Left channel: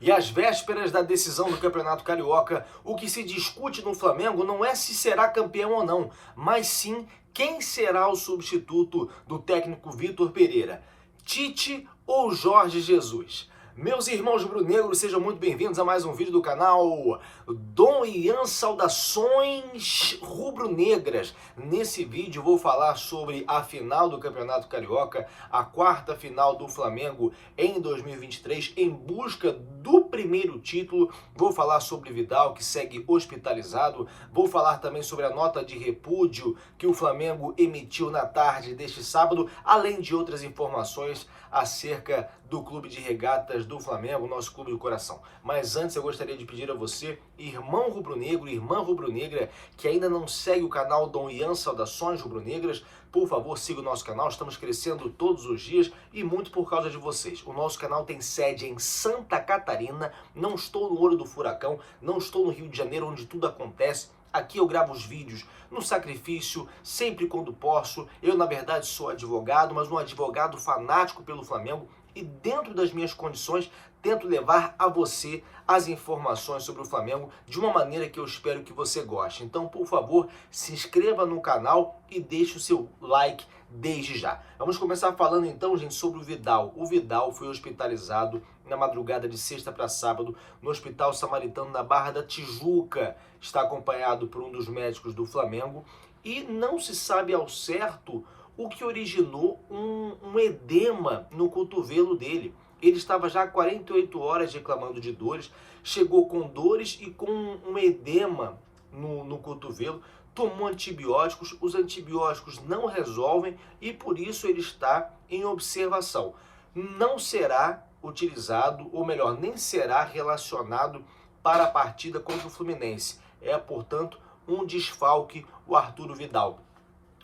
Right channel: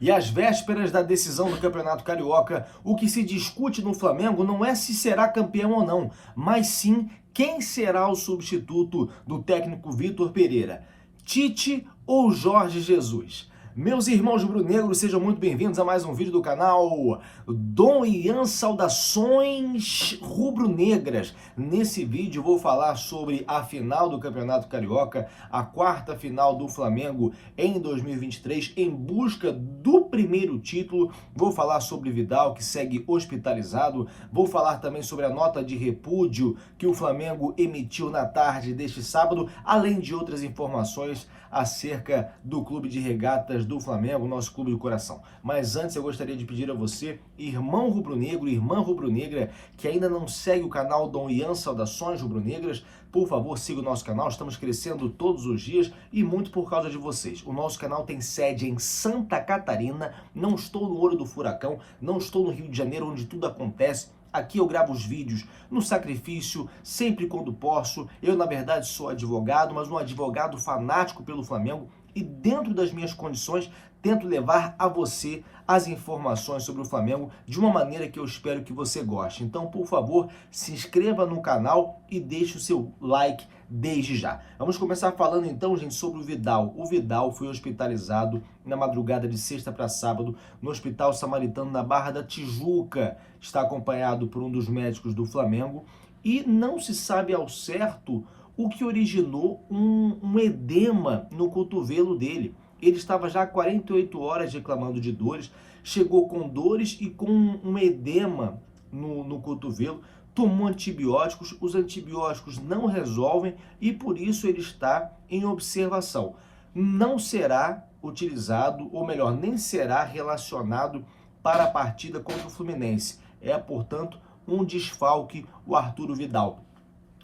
E às vésperas da decisão do Campeonato Carioca, o que se discute no Flamengo não é se será campeão ou não, mas sim quem será o substituto do técnico Vitor Pereira, Tite ou Jorge Jesus. Meus irmãos rubro-negros, sejam muito bem-vindos a mais um vídeo do canal Dom Ian Saudações Rubro-Negras. Nesse vídeo vou falar sobre a final do Campeonato Carioca, a quarta final do Flamengo em 2023, em busca do primeiro título. Vou falar sobre Vidal, que segue hospitalizado. Vou falar também sobre a nota de repúdio que o Flamengo emitiu na tarde deste sábado, além de outras informações acerca do Clube de Regatas do Flamengo, nosso clube do coração. Mas antes eu gostaria de pedir a você, irmão rubro-negro, irmã rubro-negra, que ainda não segue o canal Dom Ian Saudações Rubro-Negras, por favor, siga o nosso canal, estamos crescendo todos os dias e muito por causa de vocês. O nosso canal tem sede em Santa Catarina, não estou no Olho do Furacão, não estou no Rio de Janeiro, onde tudo acontece. Aqui eu gravo os vídeos no sacrifício, sempre quando posso. Eu, na verdade, sou advogado, mas um advogado fanático pelo Flamengo e dentro das minhas condições tento levar a você as informações sobre o Flamengo de uma maneira que eu espero que você goste. Então, por favor, se inscreva no canal e deixe o seu like desde já. Vamos começar falando então, gente, sobre o Vidal. O Vidal foi hospitalizado na madrugada de sexta para sábado no Hospital Samaritano na Barra da Tijuca. Está acompanhado por um dos médicos do Flamengo e não se sabe ao certo o que originou um edema no cotovelo dele. Ele estava já há 48 horas reclamando de dores, chegou com dores e com um edema no cotovelo, tomou antibióticos, os antibióticos não resolvem e por isso ele está em observação. Não será utilizado, ou melhor, nem será relacionado para a partida contra o Fluminense. É, portanto, um desfalque o Arturo Vidal.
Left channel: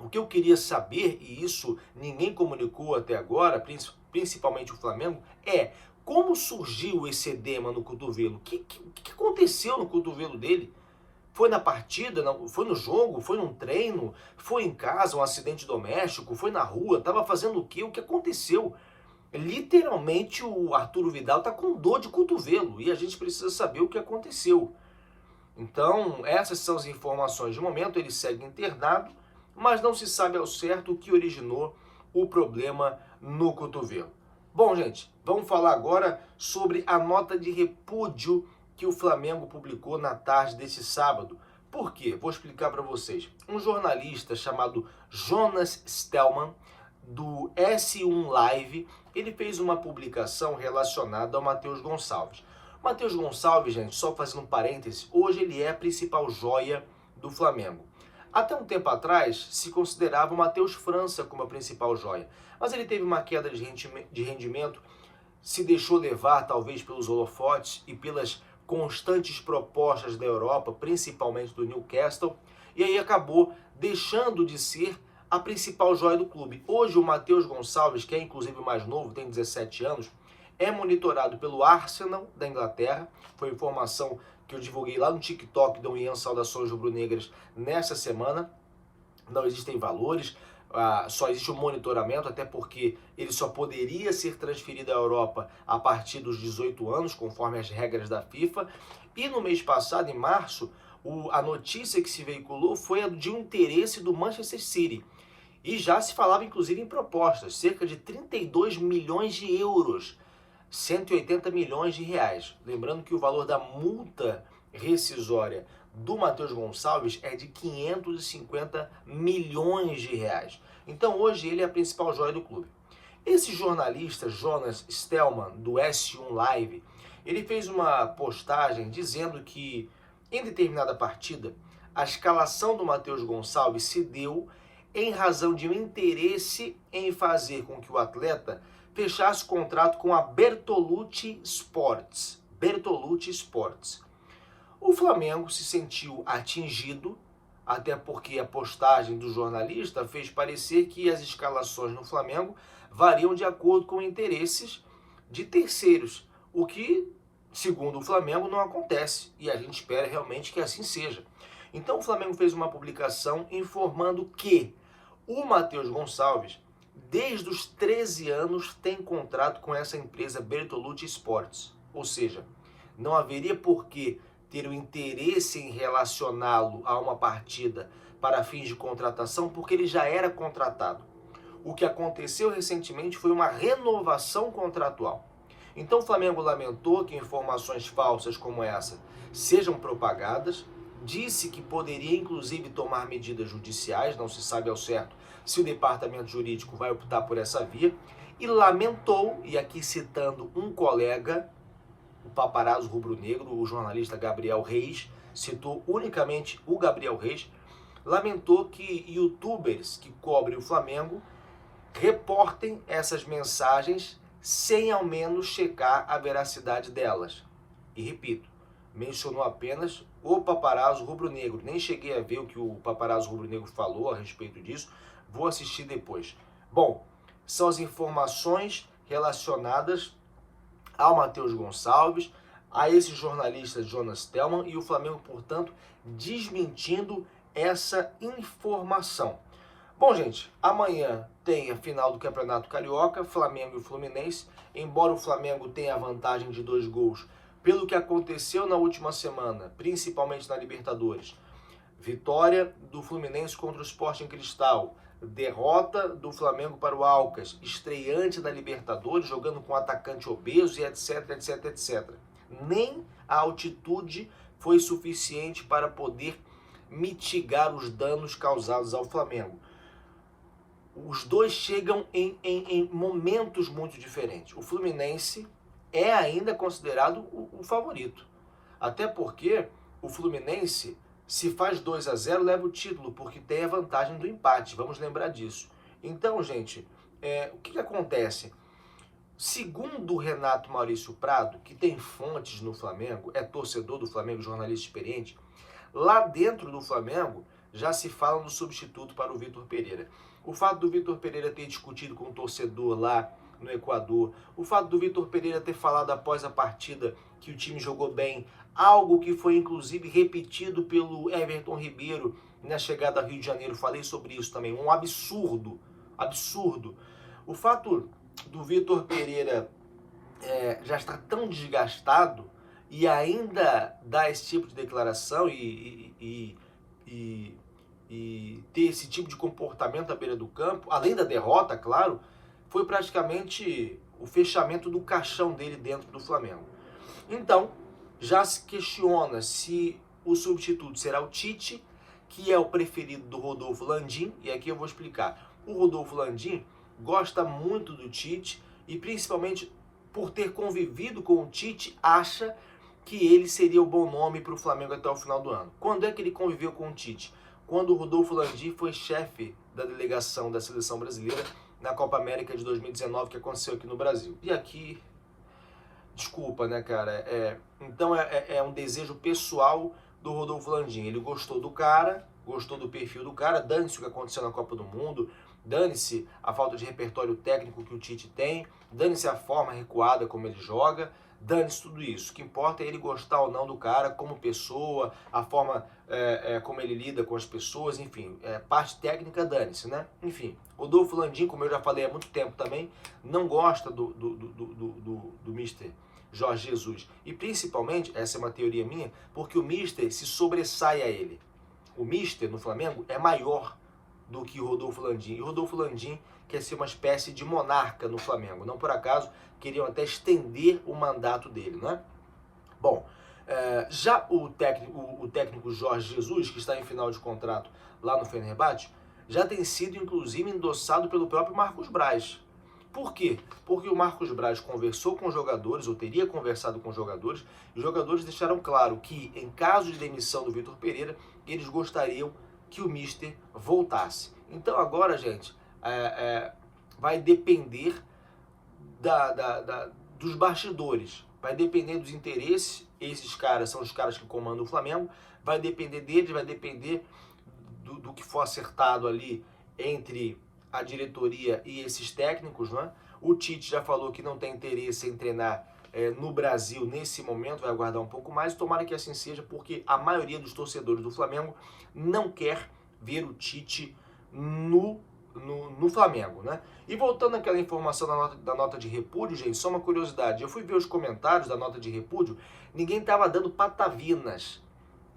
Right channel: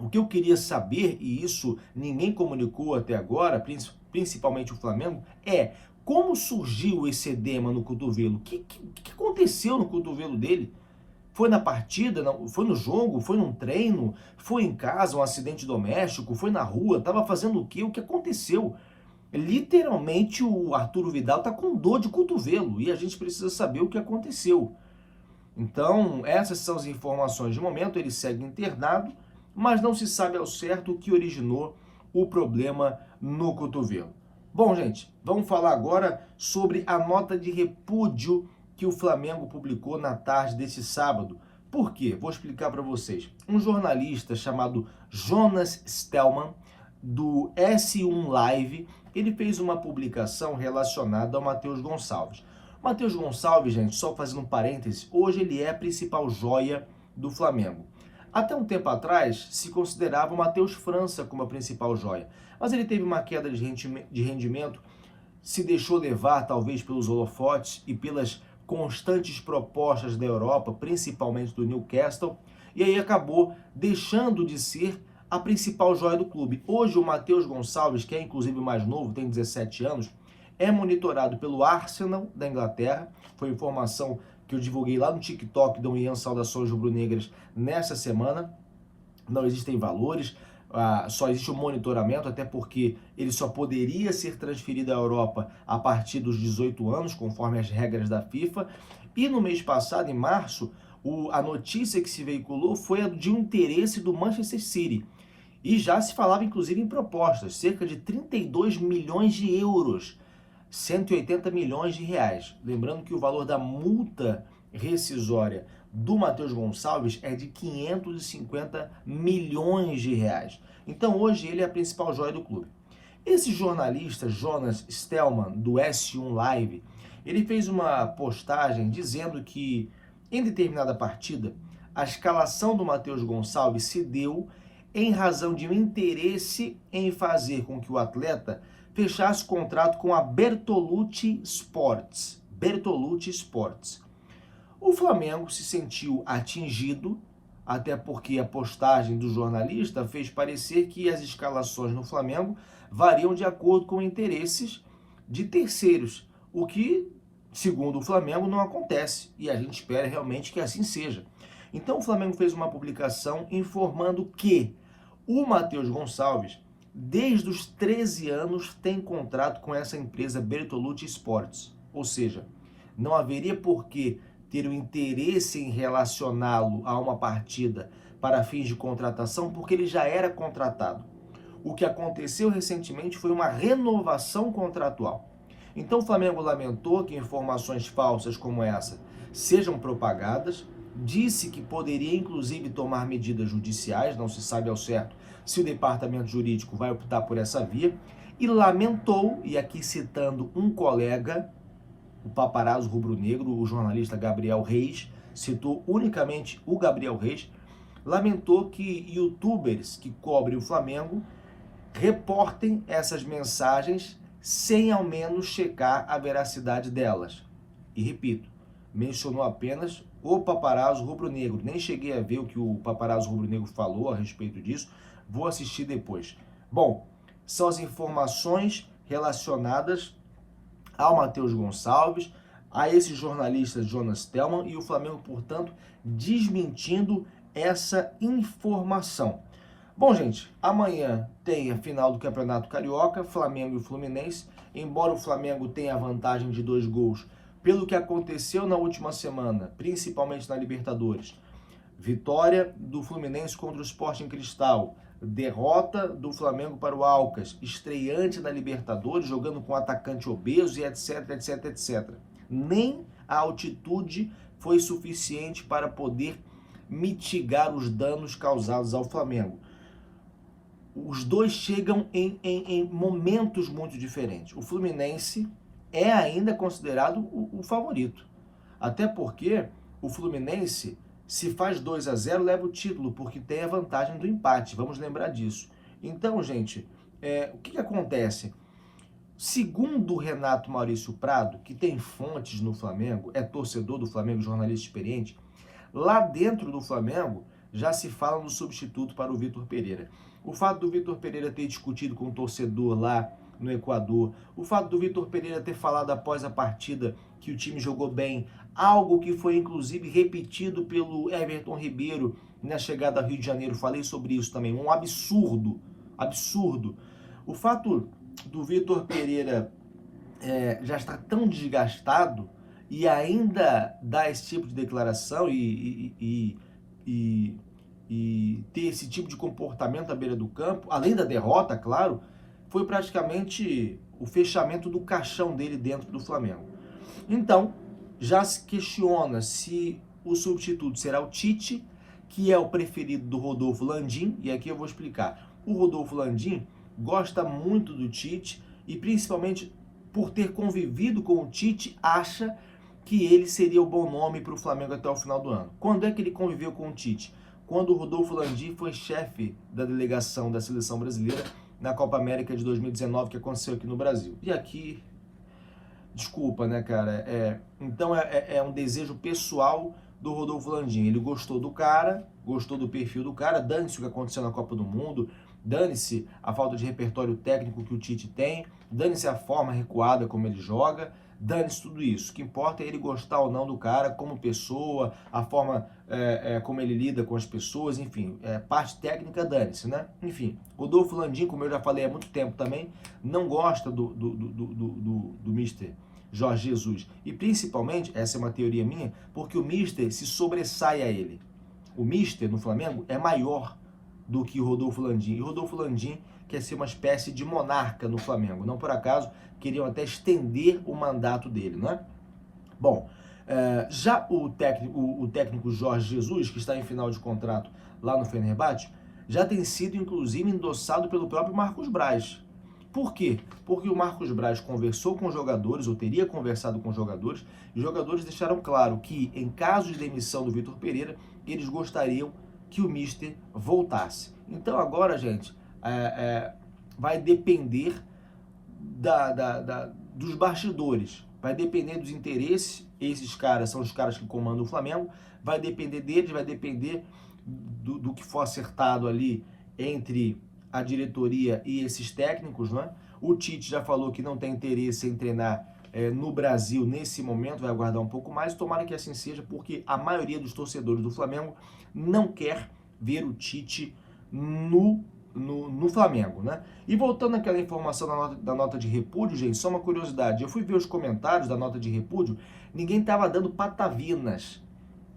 O que eu queria saber, e isso ninguém comunicou até agora, principalmente o Flamengo, é como surgiu esse edema no cotovelo? O que aconteceu no cotovelo dele? Foi na partida? Foi no jogo? Foi num treino? Foi em casa, um acidente doméstico? Foi na rua? Estava fazendo o quê? O que aconteceu? Literalmente o Arturo Vidal está com dor de cotovelo e a gente precisa saber o que aconteceu. Então, essas são as informações de momento. Ele segue internado, mas não se sabe ao certo o que originou o problema no cotovelo. Bom, gente, vamos falar agora sobre a nota de repúdio que o Flamengo publicou na tarde desse sábado. Por quê? Vou explicar para vocês. Um jornalista chamado Jonas Stellman, do S1 Live, ele fez uma publicação relacionada ao Matheus Gonçalves. Matheus Gonçalves, gente, só fazendo um parêntese, hoje ele é a principal joia do Flamengo. Até um tempo atrás, se considerava o Matheus França como a principal joia, mas ele teve uma queda de rendimento, se deixou levar talvez pelos holofotes e pelas constantes propostas da Europa, principalmente do Newcastle, e aí acabou deixando de ser a principal joia do clube. Hoje o Matheus Gonçalves, que é inclusive o mais novo, tem 17 anos, é monitorado pelo Arsenal da Inglaterra. Foi informação que eu divulguei lá no TikTok do Ian Saudações Rubro-Negras nessa semana. Não existem valores, só existe um monitoramento, até porque ele só poderia ser transferido à Europa a partir dos 18 anos, conforme as regras da FIFA. E no mês passado, em março, a notícia que se veiculou foi a de um interesse do Manchester City. E já se falava, inclusive, em propostas, cerca de 32 milhões de euros. 180 milhões de reais. Lembrando que o valor da multa rescisória do Matheus Gonçalves é de 550 milhões de reais. Então hoje ele é a principal joia do clube. Esse jornalista, Jonas Stellman, do S1 Live, ele fez uma postagem dizendo que em determinada partida a escalação do Matheus Gonçalves se deu em razão de um interesse em fazer com que o atleta fechasse contrato com a Bertolucci Sports. Bertolucci Sports. O Flamengo se sentiu atingido, até porque a postagem do jornalista fez parecer que as escalações no Flamengo variam de acordo com interesses de terceiros, o que, segundo o Flamengo, não acontece, e a gente espera realmente que assim seja. Então o Flamengo fez uma publicação informando que o Matheus Gonçalves, desde os 13 anos, tem contrato com essa empresa Bertolucci Sports. Ou seja, não haveria por que ter o interesse em relacioná-lo a uma partida para fins de contratação, porque ele já era contratado. O que aconteceu recentemente foi uma renovação contratual. Então o Flamengo lamentou que informações falsas como essa sejam propagadas, disse que poderia inclusive tomar medidas judiciais, não se sabe ao certo se o departamento jurídico vai optar por essa via, e lamentou, e aqui citando um colega, o paparazzo rubro-negro, o jornalista Gabriel Reis, citou unicamente o Gabriel Reis, lamentou que youtubers que cobrem o Flamengo reportem essas mensagens sem ao menos checar a veracidade delas. E repito, mencionou apenas o paparazzo rubro-negro. Nem cheguei a ver o que o paparazzo rubro-negro falou a respeito disso. Vou assistir depois. Bom, são as informações relacionadas ao Matheus Gonçalves, a esse jornalista Jonas Tellman, e o Flamengo, portanto, desmentindo essa informação. Bom, gente, amanhã tem a final do Campeonato Carioca, Flamengo e Fluminense. Embora o Flamengo tenha a vantagem de 2 gols, pelo que aconteceu na última semana, principalmente na Libertadores, vitória do Fluminense contra o Sporting Cristal, derrota do Flamengo para o Alcas, estreante na Libertadores, jogando com atacante obeso e etc, etc, etc. Nem a altitude foi suficiente para poder mitigar os danos causados ao Flamengo. Os dois chegam em momentos muito diferentes. O Fluminense é ainda considerado o favorito. Até porque o Fluminense, se faz 2-0, leva o título, porque tem a vantagem do empate. Vamos lembrar disso. Então, gente, o que acontece? Segundo o Renato Maurício Prado, que tem fontes no Flamengo, é torcedor do Flamengo, jornalista experiente, lá dentro do Flamengo já se fala no substituto para o Vitor Pereira. O fato do Vitor Pereira ter discutido com o torcedor lá no Equador, o fato do Vitor Pereira ter falado após a partida que o time jogou bem, algo que foi inclusive repetido pelo Everton Ribeiro na chegada ao Rio de Janeiro, falei sobre isso também, um absurdo, absurdo. O fato do Vitor Pereira já estar tão desgastado e ainda dar esse tipo de declaração e ter esse tipo de comportamento à beira do campo, além da derrota, claro, foi praticamente o fechamento do caixão dele dentro do Flamengo. Então, já se questiona se o substituto será o Tite, que é o preferido do Rodolfo Landim, e aqui eu vou explicar. O Rodolfo Landim gosta muito do Tite e principalmente por ter convivido com o Tite, acha que ele seria o bom nome para o Flamengo até o final do ano. Quando é que ele conviveu com o Tite? Quando o Rodolfo Landim foi chefe da delegação da seleção brasileira na Copa América de 2019, que aconteceu aqui no Brasil. E aqui, desculpa, né, cara? Então é um desejo pessoal do Rodolfo Landim. Ele gostou do cara, gostou do perfil do cara, dane-se o que aconteceu na Copa do Mundo, dane-se a falta de repertório técnico que o Tite tem, dane-se a forma recuada como ele joga, dane-se tudo isso. O que importa é ele gostar ou não do cara como pessoa, a forma como ele lida com as pessoas, enfim, parte técnica, dane-se, né? Enfim, Rodolfo Landim, como eu já falei há muito tempo também, não gosta do Mister Jorge Jesus. E principalmente, essa é uma teoria minha, porque o Mister se sobressai a ele. O Mister no Flamengo é maior do que o Rodolfo Landim. E o Rodolfo Landim quer ser uma espécie de monarca no Flamengo. Não por acaso, queriam até estender o mandato dele, né? Bom, já o técnico Jorge Jesus, que está em final de contrato lá no Fenerbahçe, já tem sido inclusive endossado pelo próprio Marcos Braz. Por quê? Porque o Marcos Braz conversou com os jogadores, ou teria conversado com os jogadores, e os jogadores deixaram claro que, em caso de demissão do Vitor Pereira, eles gostariam que o Mister voltasse. Então agora, gente, vai depender dos bastidores, vai depender dos interesses. Esses caras são os caras que comandam o Flamengo, vai depender deles, vai depender do que for acertado ali entre a diretoria e esses técnicos, né? O Tite já falou que não tem interesse em treinar no Brasil nesse momento, vai aguardar um pouco mais, tomara que assim seja, porque a maioria dos torcedores do Flamengo não quer ver o Tite no no Flamengo, né? E voltando àquela informação da nota de repúdio, gente, só uma curiosidade. Eu fui ver os comentários da nota de repúdio, ninguém estava dando patavinas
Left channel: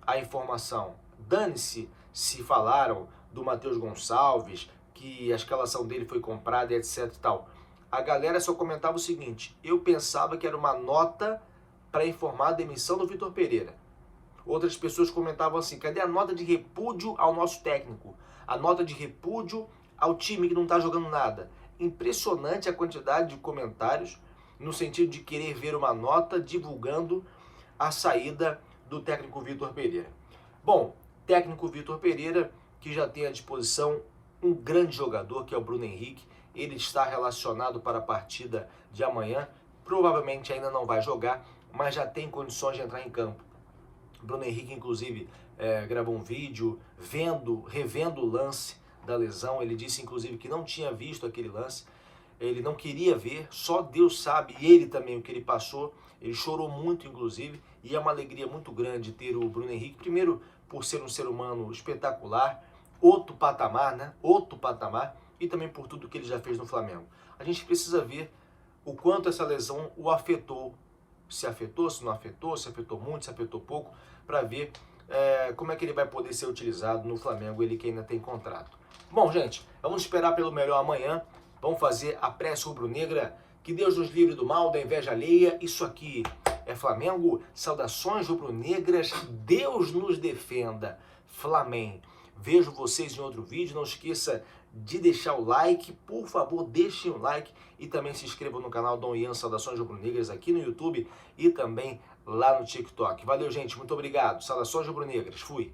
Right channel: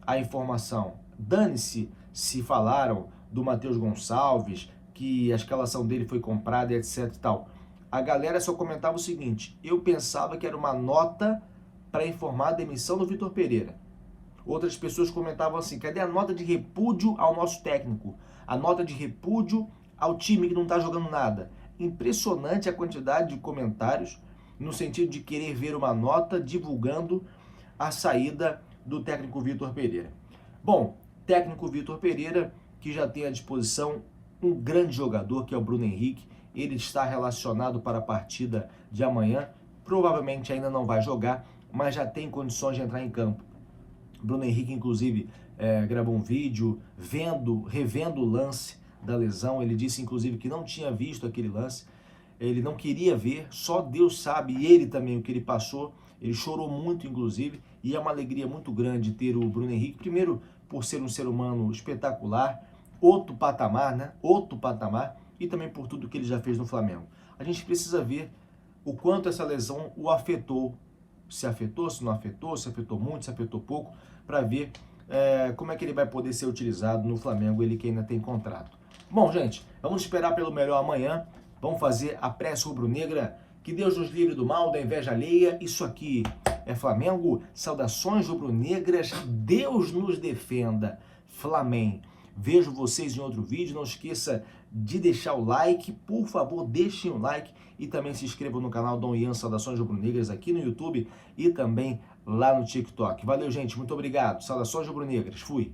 à informação. Dane-se se falaram do Matheus Gonçalves, que a escalação dele foi comprada e etc e tal. A galera só comentava o seguinte: eu pensava que era uma nota para informar a demissão do Vitor Pereira. Outras pessoas comentavam assim: cadê a nota de repúdio ao nosso técnico? A nota de repúdio ao time que não está jogando nada. Impressionante a quantidade de comentários no sentido de querer ver uma nota divulgando a saída do técnico Vitor Pereira. Bom, técnico Vitor Pereira, que já tem à disposição um grande jogador, que é o Bruno Henrique. Ele está relacionado para a partida de amanhã. Provavelmente ainda não vai jogar, mas já tem condições de entrar em campo. Bruno Henrique, inclusive, gravou um vídeo revendo o lance da lesão. Ele disse, inclusive, que não tinha visto aquele lance. Ele não queria ver, só Deus sabe, e ele também, o que ele passou. Ele chorou muito, inclusive, e é uma alegria muito grande ter o Bruno Henrique. Primeiro, por ser um ser humano espetacular, outro patamar, né? Outro patamar, e também por tudo que ele já fez no Flamengo. A gente precisa ver o quanto essa lesão o afetou. Se afetou, se não afetou, se afetou muito, se afetou pouco, para ver como é que ele vai poder ser utilizado no Flamengo, ele que ainda tem contrato. Bom, gente, vamos esperar pelo melhor amanhã. Vamos fazer a prece rubro-negra. Que Deus nos livre do mal, da inveja alheia. Isso aqui é Flamengo. Saudações rubro-negras. Deus nos defenda. Flamengo. Vejo vocês em outro vídeo. Não esqueça de deixar o like. Por favor, deixem o like. E também se inscrevam no canal Dom Ian Saudações Rubro-Negras aqui no YouTube e também lá no TikTok. Valeu, gente. Muito obrigado. Saudações rubro-negras. Fui.